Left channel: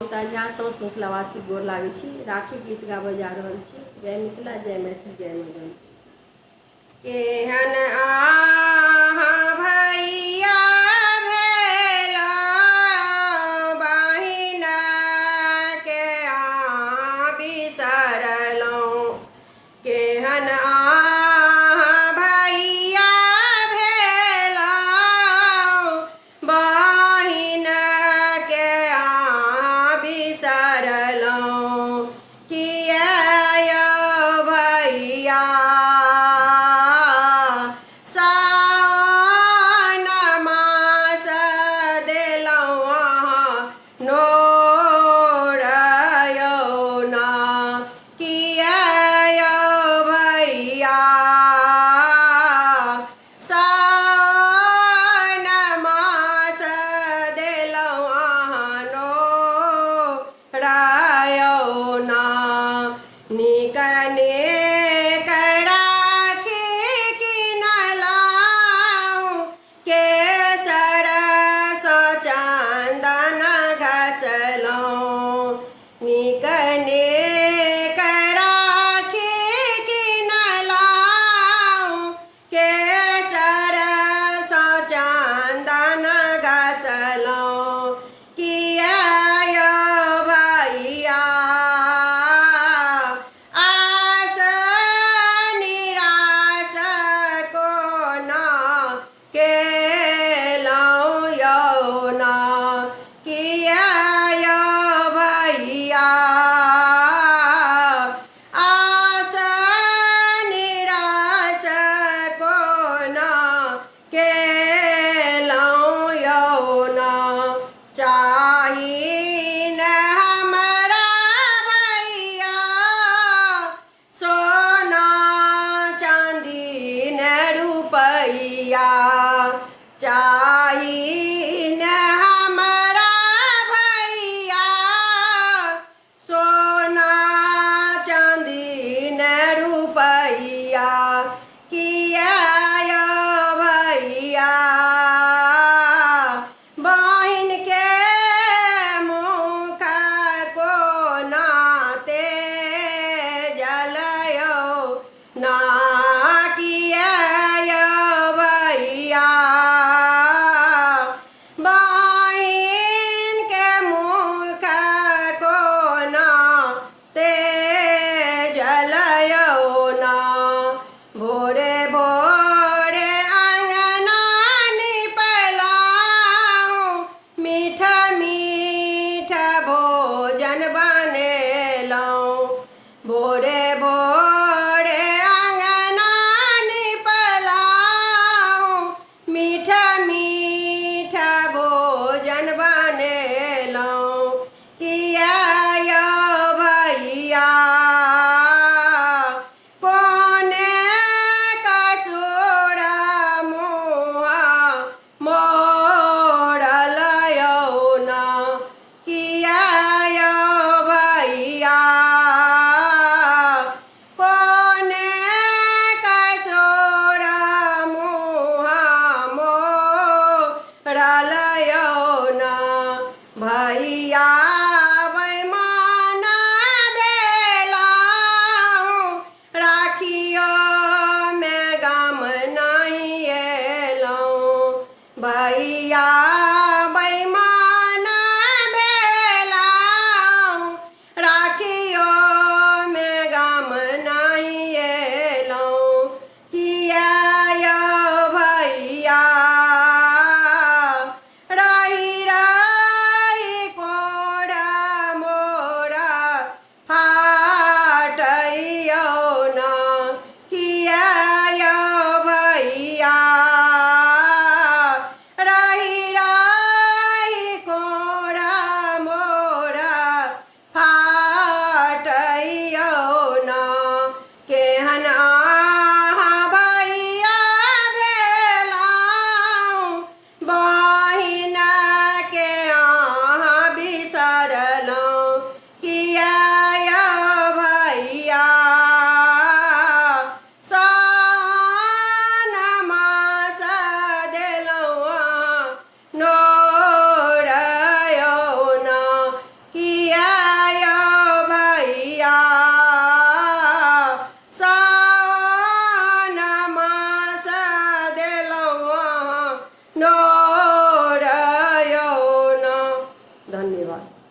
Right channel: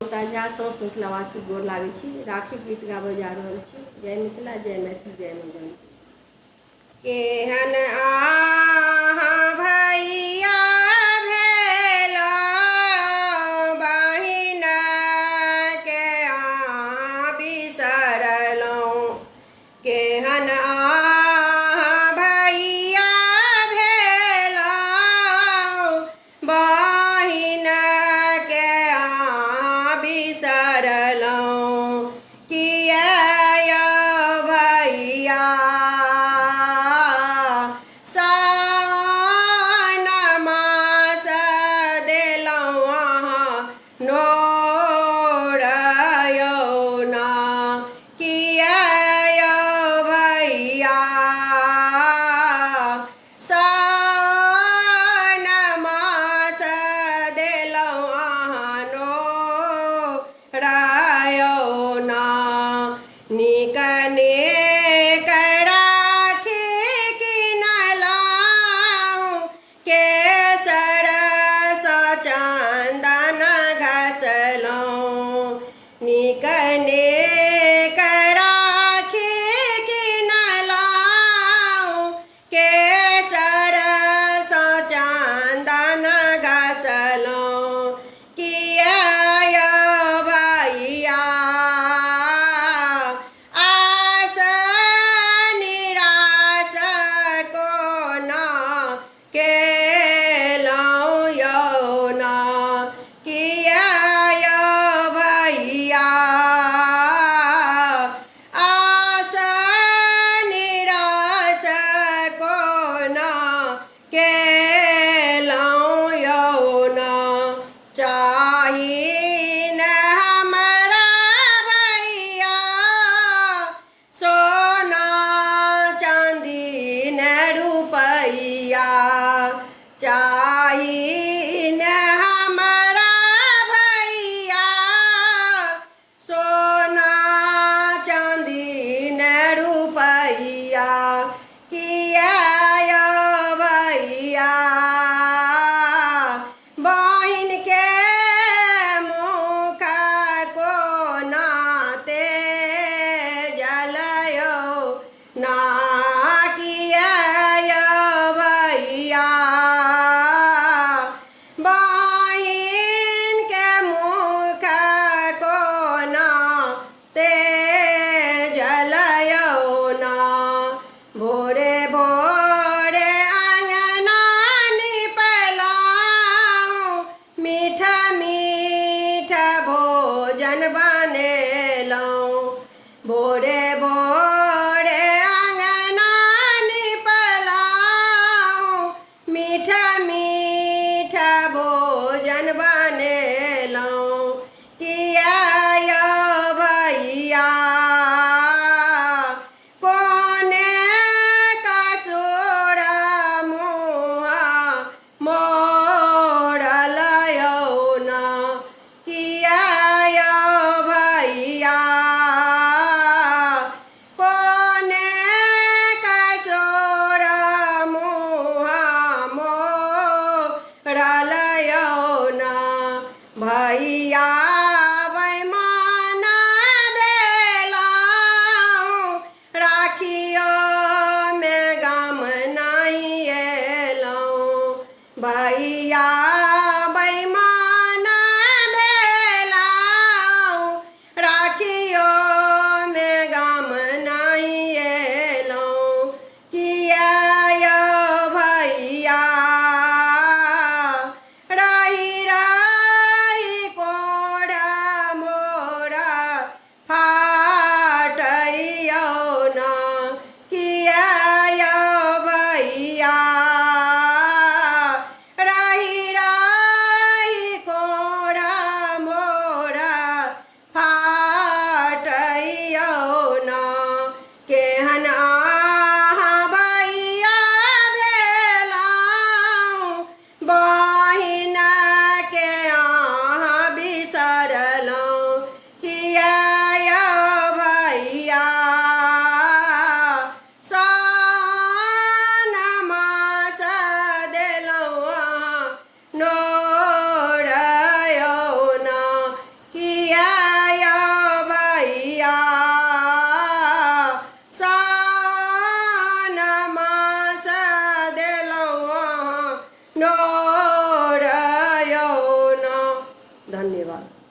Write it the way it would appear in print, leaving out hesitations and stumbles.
ममता झा साउस मिथिलावासी गोर लागै छी। राखी गीत गाबऽ जा रहल छी। जय मिथिला, जय मैथिली, जय मंगल। केहन आहाँ भैया भेलौ, बहिन के आहाँ बिसरलौ। केहन आहाँ भैया भेलौ, बहिन के आहाँ बिसरलौ। किया यौ भैया सावन मास देलौ आहाँ नोर यौ ना। किया यौ भैया सावन मास देलौ आहाँ नोर यौ ना। नीक नीक राखी किनलौ, केसर सँ चंदन घसलौ। नीक नीक राखी किनलौ, केसर सँ चंदन घसलौ। किया यौ भैया आस निरास कोना केलौ यौ ना। किया यौ भैया आस निरास कोना केलौ यौ ना। चाही न हमरा भैया सोना चांदी न रुपैया। चाही न हमरा भैया सोना चांदी न रुपैया। किया यौ भैया बहिन के मुख कोना तेजल यौ ना। किया यौ भैया बहिन के मुख कोना तेजल यौ ना। भोरे भोरे अंगना निपलौ, मीठ मीठ भोजन बनेलौ। भोरे भोरे अंगना निपलौ, मीठ मीठ भोजन बनेलौ। किया यौ भैया कोने कसुर मुँह मोड़ल यौ ना। किया यौ भैया कोने कसुर मुँह मोड़ल यौ ना। भैया बैमान भेलौ, राखियो में गाम नहीं एलौ। भैया बैमान भेलौ, राखियो में गाम नहीं एलौ। किया यौ भैया रही रही कोढ़ मोरा फाटै यौ ना। किया यौ भैया रही रही कोढ़ मोरा फाटै यौ ना। केहन आहाँ भैया भेलौ, बहिन के आहाँ बिसरलौ। किया यौ भैया सावन मास देलौ आहाँ नोर यौ ना। कि धन्यवाद।